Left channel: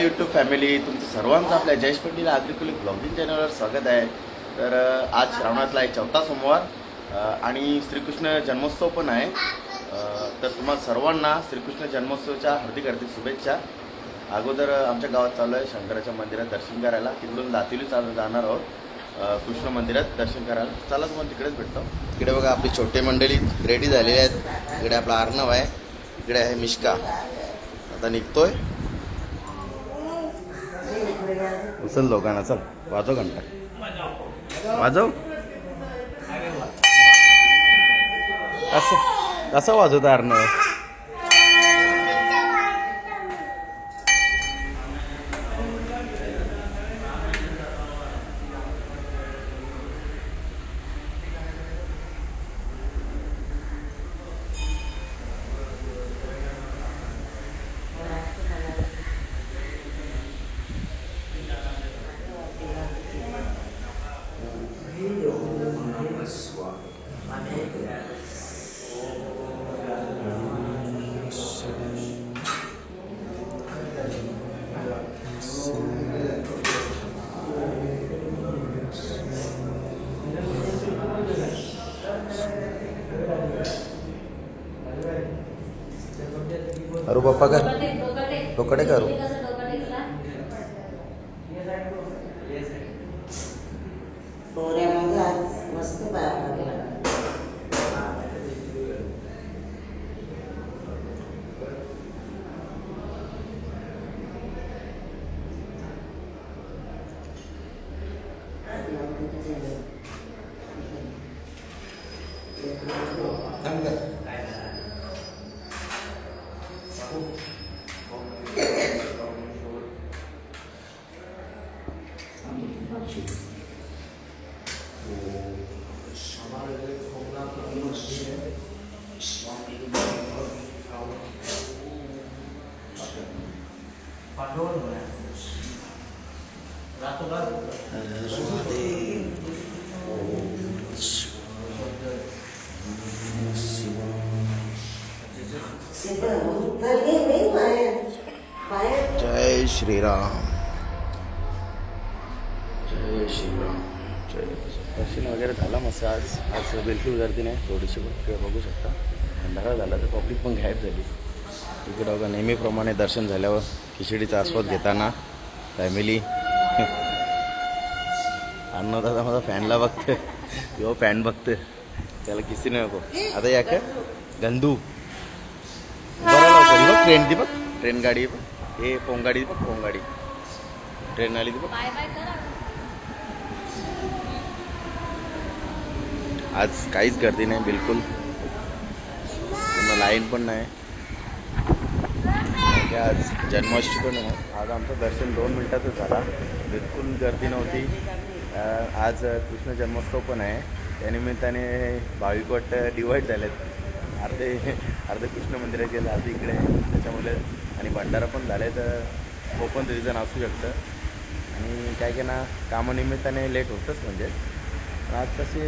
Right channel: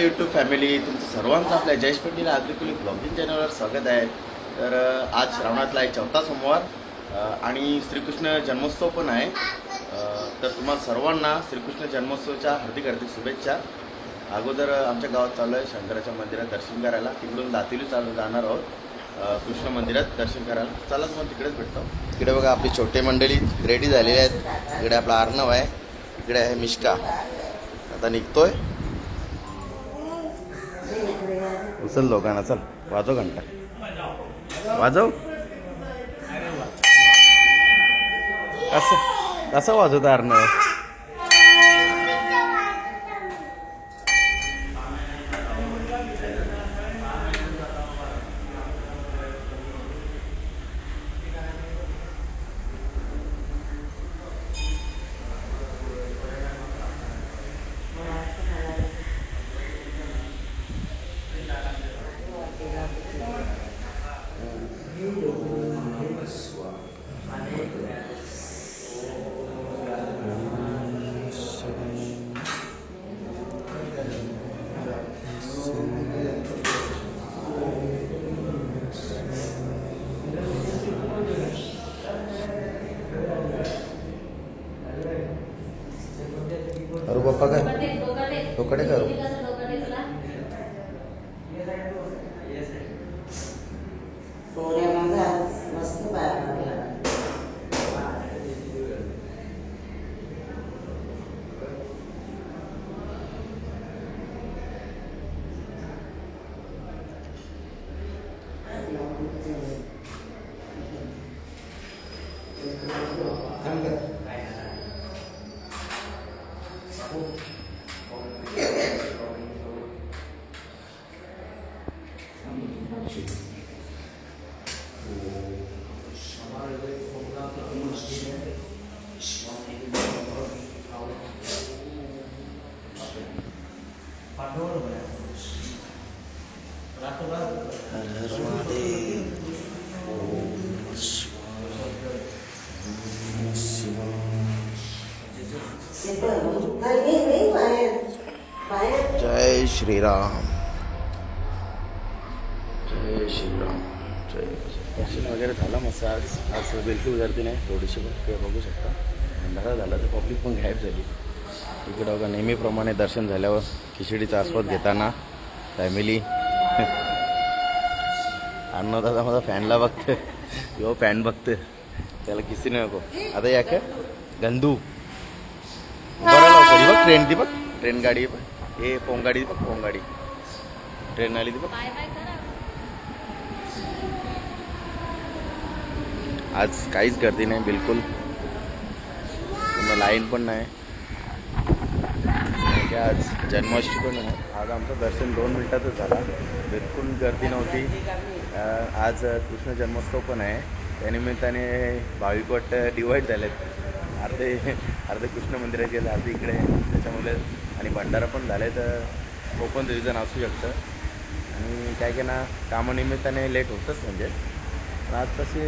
Hi YouTube family, तुमचं सर्वांचं आपल्या जयेश पंडित आग्रिकुलिक ब्लॉगिंग चॅनलवर स्वागत आहे। तर आज श्रावणातला एक चौथा सोमवार आणि श्रीकृष्ण जन्मोत्सव पण आहे। तर तुम्हाला सर्वांना श्रीकृष्ण जन्मोत्सवाच्या हार्दिक हार्दिक शुभेच्छा। अगोदर आमच्या गावात चालू आहे शंकराच्या मंदिरात दर्शन करायला, तिकडून दातिली चालू जाणार आहोत कृष्ण मंदिरात दर्शन करायला। चला तुम्हाला तिकडेच भेटतो। इकडे बघा आपली छोटे मंडळी रेडी झालेली आहेत। इकडे आपला अर्णव आहे, इकडे आहे मिश्का, आता निघतोय। उचल लोकांना, चल वाजव घंटा वाजव। कसं वाजवत अर्णव? अरे बाप्पा कर डोकडे करू। जय श्रीराम, जय श्रीराम, जय। दर्शन वगैरे झाला मस्त। आज बिलकुल गर्दी नाही, थोडीशी काही बघू शकता। अंधारा झाला तर पब्लिक पण गायब झाली। इकडं बघा नेहमीप्रमाणे दर्शन झाल्यावर खिचडीचा आस्वाद घेताना फॅमिली। अन्नदादा माझा फॅनला बघते, किंवा फॅन बघते, त्याला किसी नाही नको। आता या काय गंधू बरं लवकर बघ, ट्रेन ती बघ, ट्रेन गाडी बघ, हे पोंगाडी बघ, पोंगाडी ट्रेन आली ती बघ। आज काहीच गर्दी नाही बिलकुल, लाईन पण नाही। आज जन्माष्टमी पण आहे। आज आमचं दर्शन 2 मिनिटातच झाला, बिलकुल गर्दी नव्हती। आज कृष्ण जन्मोत्सव पण आहे, त्यानिमित्ताने भाविक डिवाईड झालेत। अर्धे कृष्ण मंदिरात गेले, अर्धे इकडे, त्याच्यामुळे आणि भंडारा पण झाले। तर ओपन रिझन असू शकतं आणि काय की ना कामानिमित्ताने लेट होतंच। म्हणजे आज तशी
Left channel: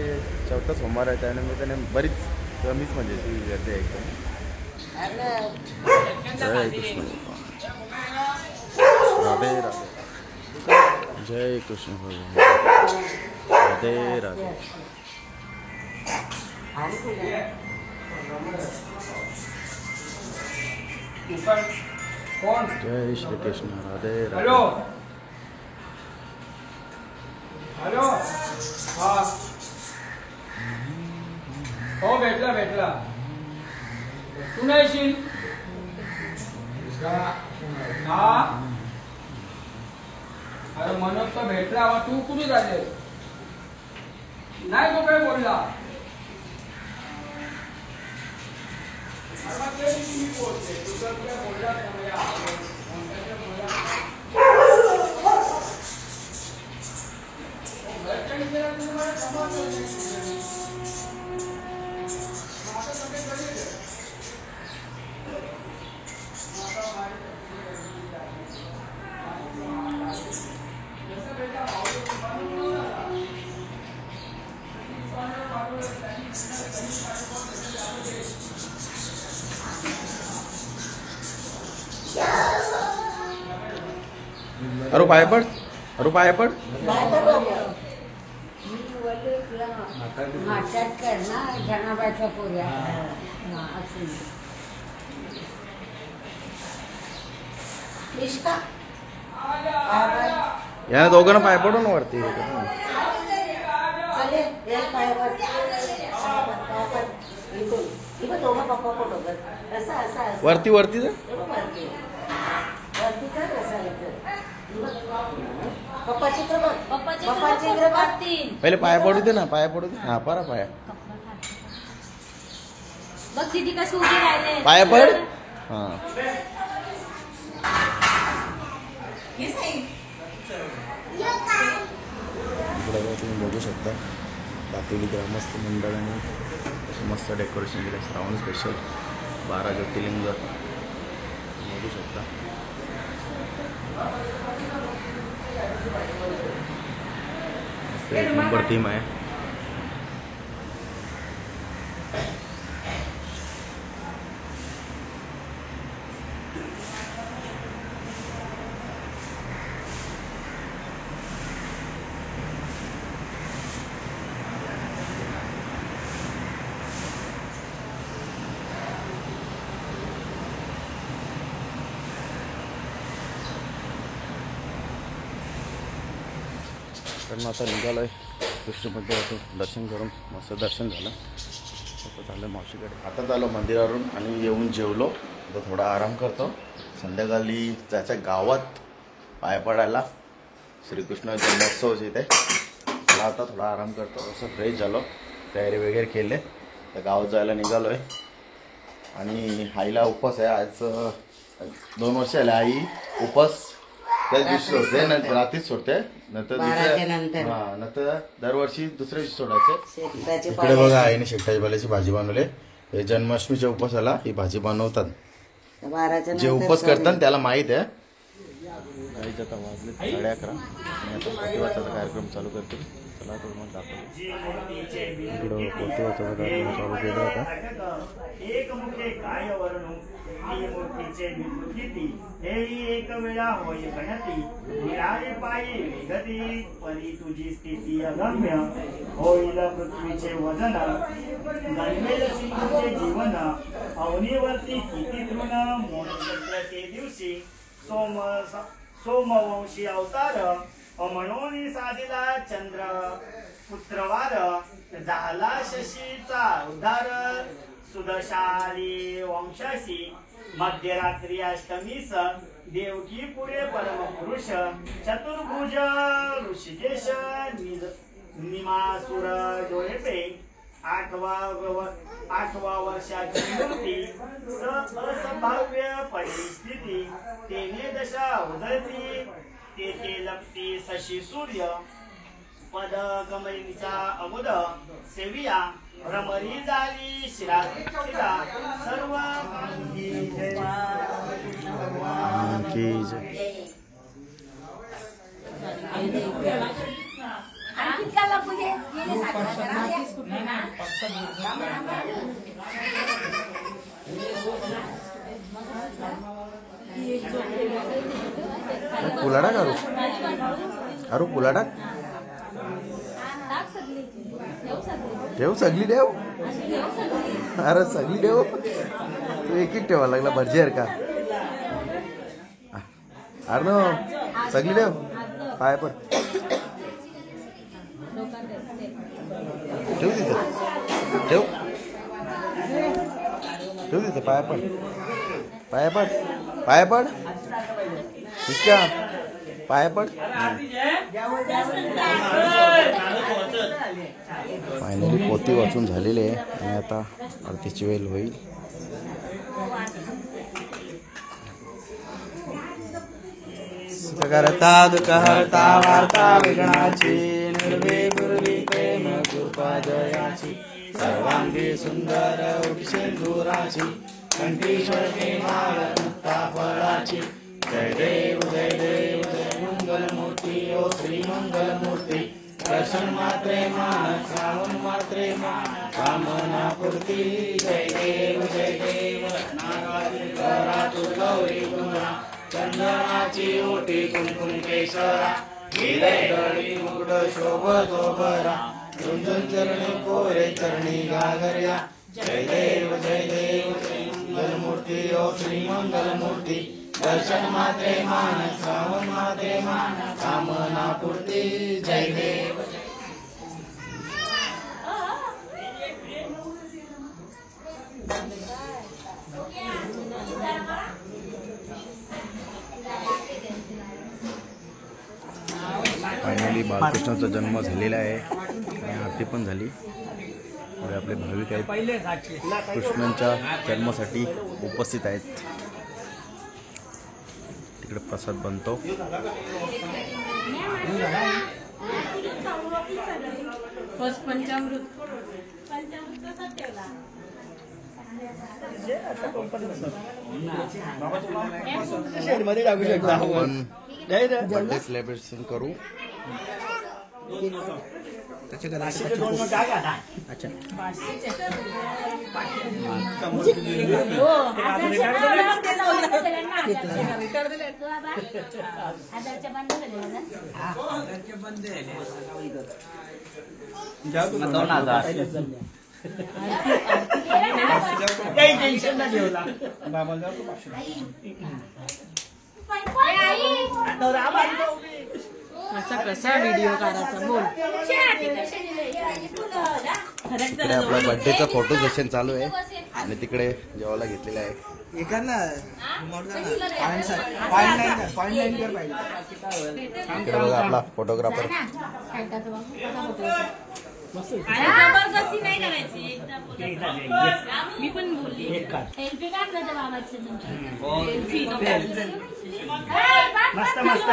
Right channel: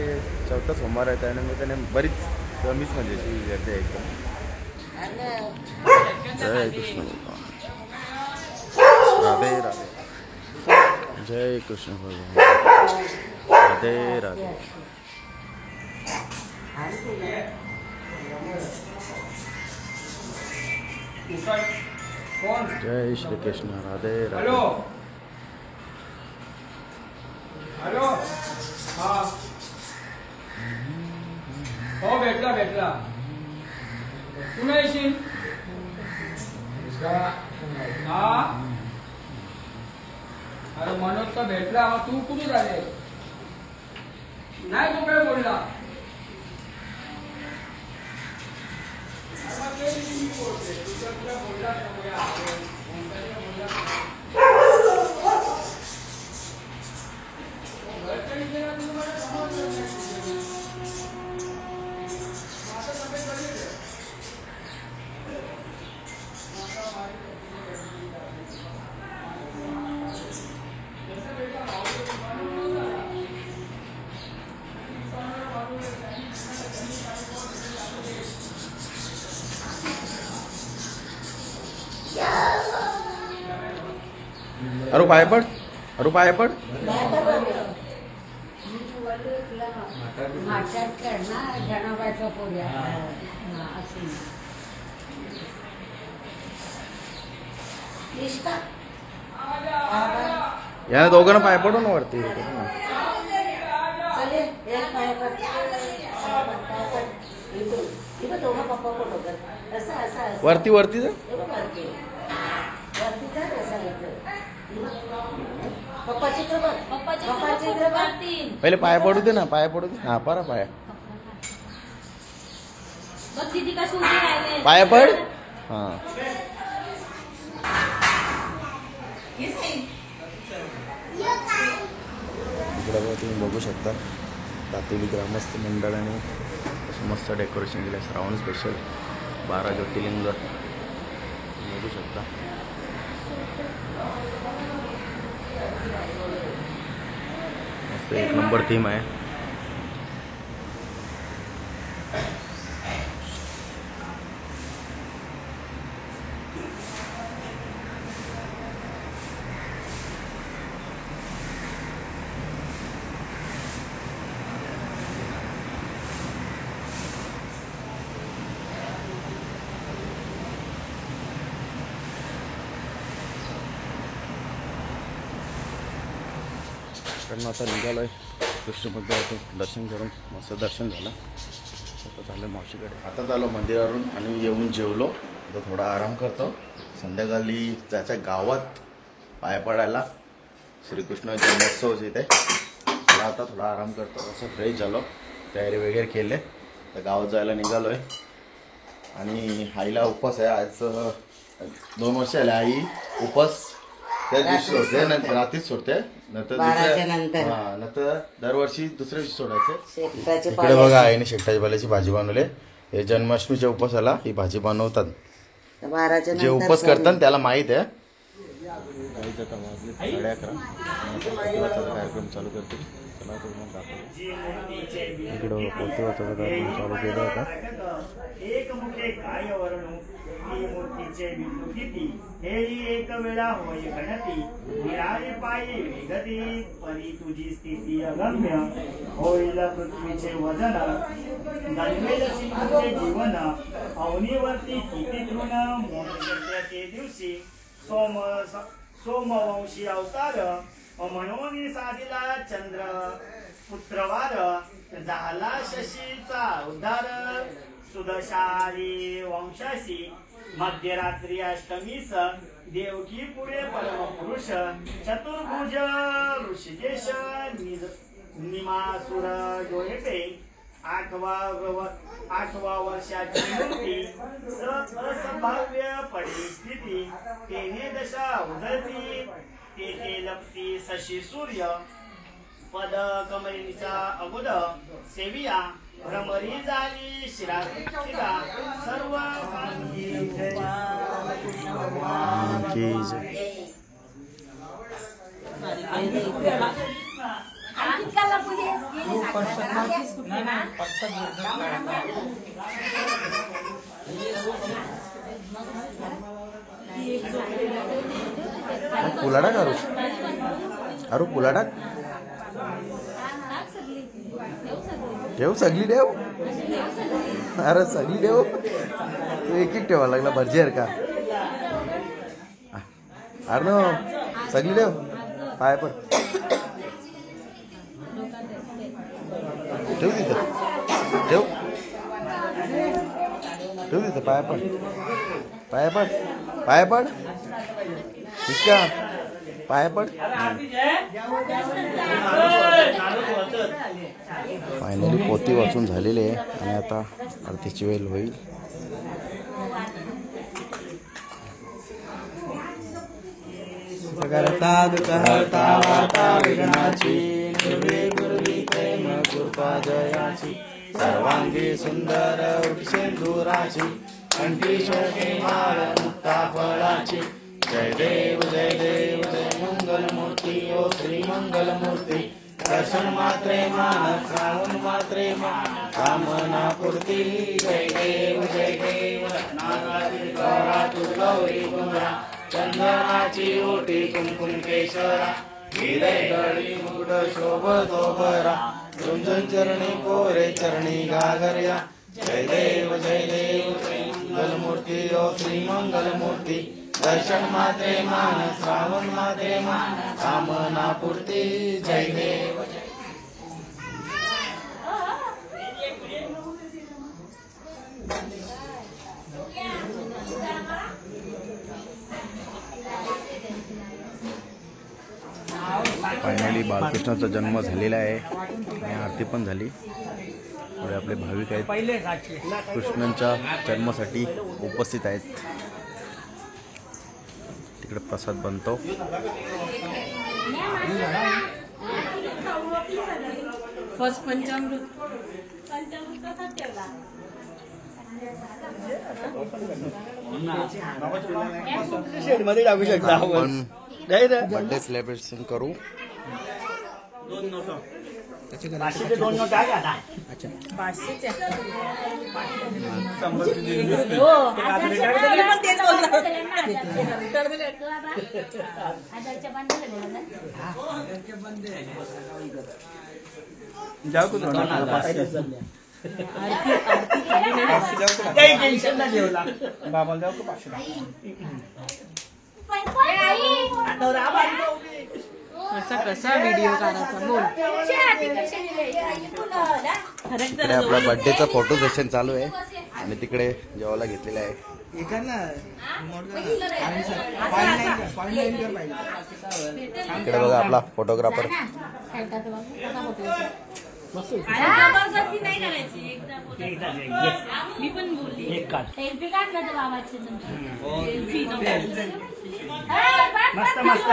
चौथा सोमवार आहे, त्यानिमित्ताने बरीच कमीच म्हणजे गर्दी आहे एकदम। जय कृष्ण भगवान, राधे राधे, जय कृष्ण भगवान, राधे राधे। जय श्री कृष्ण, राधे राधे। हॅलो, हो भेटला तू नाही येशील? हा अरे मनोज तो भेटला, तू कुठे झाले? नाही तो काय बोलला? अरू पाय पड, अरू पाय पड. याने दोघांना पाय पडून वरती. वरती वरती जा. पहिले पाय पडू दे ना, पाय पडू दे. हा परा पाय, पाय पड. हा इकडे तुम्ही बघू शकता दापोली ग्रामस्थ मंडळाने मस्त डेकोरेशन केलं. श्रावण स्पेशल 12 ज्योतिर्लिंग बघू शकता. मस्त एक नंबर थीम आहे. कारण आता निघालोय कृष्णपद्धातून दर्शन करून. मस्त दर्शन झालं. आता चाललं मावशीकडे. आता चाललो मंदिरावरून आणि येऊन जेवलो. आता थोडा आराम करतो. संध्याकाळी जायचं गावात पाय पडायला. श्रीकृष्ण जन्मोत्सव इथे. मला आता थोडा आराम करतो. असं फ्रेश झालो, तयारी वगैरे केले, तर गावात जायला निघालोय. आणि आईला उपवास आहे आज. 2 वर्ष आले आई उपवास त्याच दिवशी सोडते, नंतर रात्रीच सोडते. नंतर नंतर दरवर्षी दुसऱ्या दिवशी सोडायचं. इकडे बघा आईने शेकटाच्या पाल्याची भाजी बनवली. हे जन्माष्टमीच्या उपवासाला ही भाजी बनवतात. जे उपवास करतात त्याला माहित आहे. गाईच आता वाजले 11:30 आणि आता पोथी वाचायचा कार्यक्रम चालू करते. चला तुम्हाला दाखवतो. इकडं पोथी वाचायचा कार्यक्रम चालू केला होता. एकमुखे काय वर्णू मूर्तीचे विभूती हे एक वेळा होय गणती निराळे पायी विगती परी तुझी स्थिती अगम्य होईल पृथ्वीचे वजन जन्मेल सिंधूचे जीवन अवनीवरती किती तृण मोहनचंद्राचे दिवशी सोमवंशी अवतार म्हणून साधिला चंद्र पुत्रवार झाला शशीचा उद्धार सुदशाली वंशाशी मध्यरात्री अष्टमीस देवकी पुढे परमपुरुष चतुर्भुज ऋषिकेश निमासुर डोळेपे 8व्या वर्षाची मूर्ती असंभाव्य परिस्थिती तेने दशा उदरती तेथे लपती शशी सूर्य पद कमळीचा अमुद सेविया भ्रमरी झाली शिरा सर्व पुलाडा करू अरू पुलाडा ठेव सगळी ठेव. अरे सगळी ठेव. तू एक ठेवा लागला भरजेर का. अरे नो सगळी ठेव. पाय पड. ठेव तिथं. ठेव ठेव तिथं. पाय पड. पाय पड. पाय पड. इसका पाय पड. फायनली पोथी वाचून झालेली आहे आणि आता आरतीची वेळ होईल. करता करता वार्ता विघ्नाची निर्विघ्नी प्रेम कृपा जयाची सर्वांगी सुंदर उठसेंदुराची कंठी शोणी माळ मुक्ता फळाची जय देव जय देव जय मंगल मूर्ती ओ श्री मंगल मूर्ती दर्शन मात्रे मान श्रावण मात्रे मान कामना पूर्ती जय देव नागारी गौरी गुमरा चंदनाची ओटी कुमकुम केशरा हिरे गळी मुकुट शोभतो बरा रुंजन चरणी कोरे चरणी घागर्या जय देव मंगलमूर्ती ओ श्री मंगलमूर्ती दर्शन मात्रे मान श्रावण मात्रे मान कामना पूर्ती जय देव फायनली बालकृष्णाचा जन्म झालेला आहे आणि आरती पण झाली. पुढे आपले भाविक आहेत कृष्णांच्या जन्मासाठी उपस्थित आहेत. तिकडे प्रसाद बनतो. फर्स्ट पंचामृत आपण बर्थडे सेलिब्रेशन करू. असा कसा व्हिडिओ काढायचा बोल. तिकडे आपला बर्थडेचा फोटो सेशन चालू आहे आणि तिकडे जेवायला घेतलेला आहे. तिकडे बघा आपला फोटोग्राफर. जबरदस्ती नाही करायची. मी पण बोलली सेल्फी काढ ना बाबाची सेल्फी मस्त मस्त.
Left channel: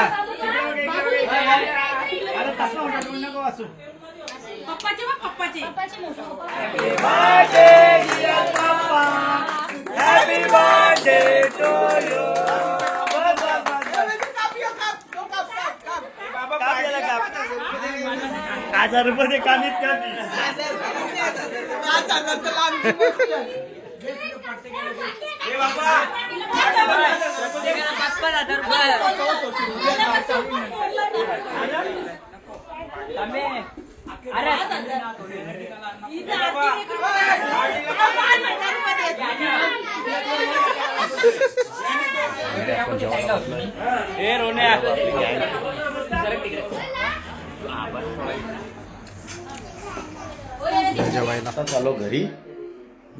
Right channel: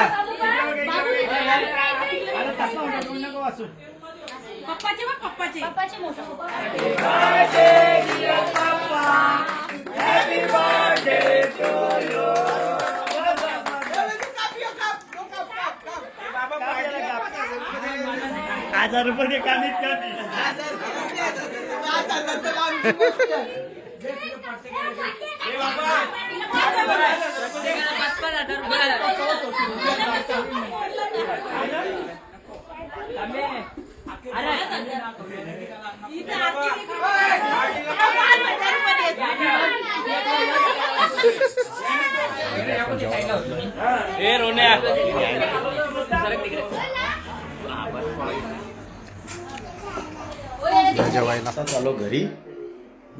अरे तसं म्हणतो नको वाचू. पप्पाचे बघ पप्पाचे पप्पाचे ₹1000 कामीत कमी. जेवायला आता चालू घरी.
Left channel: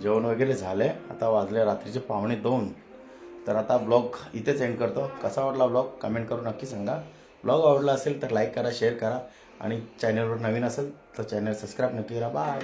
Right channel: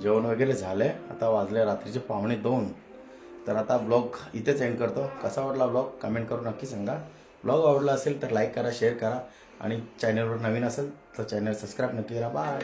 जेवण वगैरे झालंय. आता वाजले रात्रीचे 1:45. तर आता ब्लॉग इथेच एंड करतो. कसा वाटला ब्लॉग कमेंट करून नक्की सांगा. ब्लॉग आवडला असेल तर लाईक करा, शेअर करा आणि चॅनलवर नवीन असेल तर चॅनल सबस्क्राईब नक्की करा. बाय.